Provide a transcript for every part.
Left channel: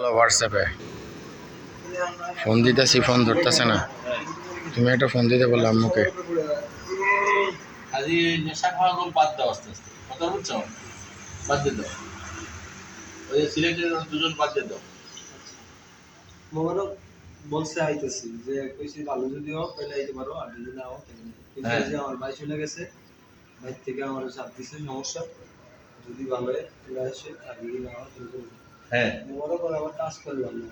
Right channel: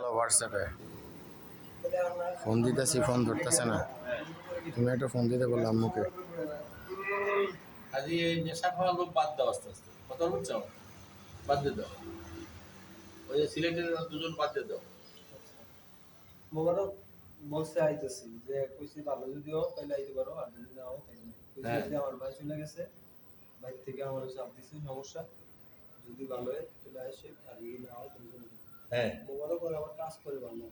হোয়াটসঅ্যাপে ফোন দিতেছি, ফোন ধরতেছে না। তুমি একটা ফোন দিতে বললে আম্মুকে। আজ এই নেশা খাওয়া লোক বাদ দাও আস্তে আস্তে, কথা বুঝছো? বাদ দিয়ে দাও। ওই যে সিলেটের দুজন বাদ দিয়ে দাও। মোবারক বলছে আইতেছি, যে কইছি ভালো যদি হোক তাহলে আইতে পারো, আর যদি না হোক তাহলে না। কিন্তু হ্যাঁ। যে আমার ভাই চলে গেছে, ভাই থেকে আমার চাপ দিছে সমস্যা, যদি ভালো হয় তাহলে আসে, আর যদি না হয় তাহলে চলে যাবে। হ্যাঁ, মোবারক আর আবার কাজ করলাম না।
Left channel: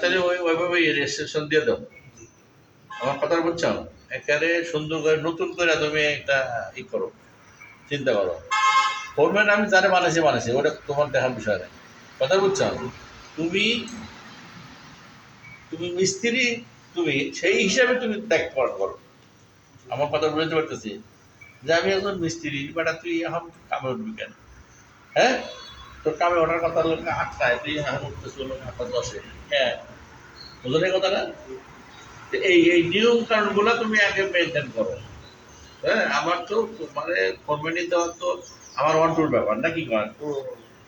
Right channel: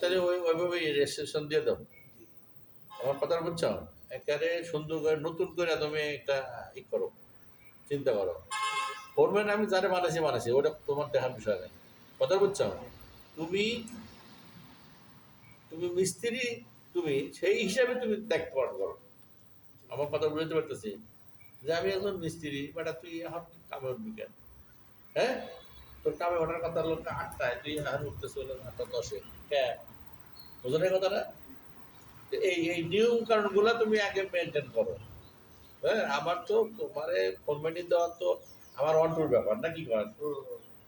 তাহলে ওইভাবে রেজিস্ট্রেশন দিয়ে দাও। আমার কথা বুঝছো? একেবারে সুন্দর করে নতুন করে তুমি একটা ই করো, চিন্তা করো। ফোরম্যান আমি জানে বানাইছি, ওটা তোমার দেখার বিষয় নেই। কথা বুঝছো? তুমি তুমি মিস্ত্রি, তুমি সেই হিসাবে তুমি দায়িত্ব পালন করো। আমার কথা বুঝতে পারতেছি যে আমি একজন মিস্ত্রি, বেটা তুই এখন কামে উঠবি কেন? হ্যাঁ, তোর কামে ওঠার কথা হলো 8টায়, তুই এখন উঠতেছ হলো 8:10-এ। হ্যাঁ, বুঝলেন এই কথাটা? এই নিয়ম কানুনগুলো তুমি আগে মেনটেন করো। হ্যাঁ, আমার তো মানে ফরমালিটি দেওয়া তো আমার অন্টুর ব্যাপার নাকি করেন,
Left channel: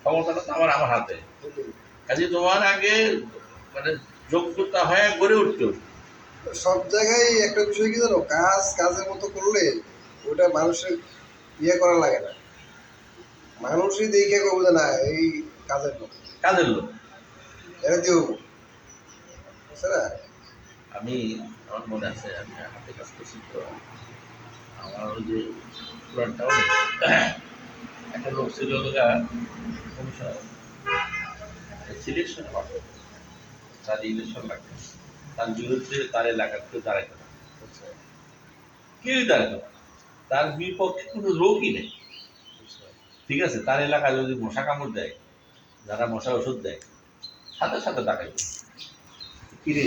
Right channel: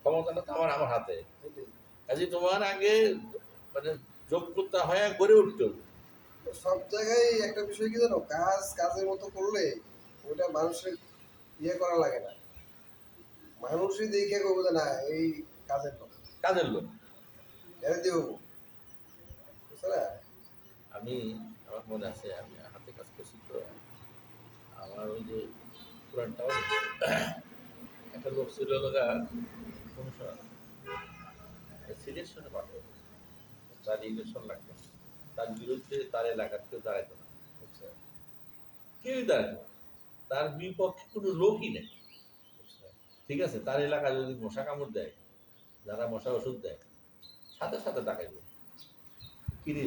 ক্ষমতাটা তো আমার হাতে। কাজে তোমার আগে মানে যোগ্যতা হয় গড়ে উঠতে হবে। সব জায়গায় একটা বিষয় কি জানো, কাজ কাজের মতো করলে ওটা মানুষের ইয়ে করা লাগে না, মানুষই দেখে কবো যে না এই কাজের লোক, কাজের লোক। এটা দিয়ে হবো, বুঝছে না? আমি আমার মনে আছে আমি হাতে কাজ করছি তো, আমার ওই যে পুরান টাউনে একটা লোক ছিল সিলেকশন হয়, তার ইলেকশন লাগবে, তার বিরুদ্ধে তার এলাকার কেউ দাঁড়াইতে না, কেউই দাঁড়াইতে না, তার বিপক্ষে কোনো লোকই নেই। ঠিক আছে, তার এলাকায় যদি মশা কামড় দেয়, যারা মশা ওষুধ দেয়, সাথে সাথে ডাকাইবে, কিরে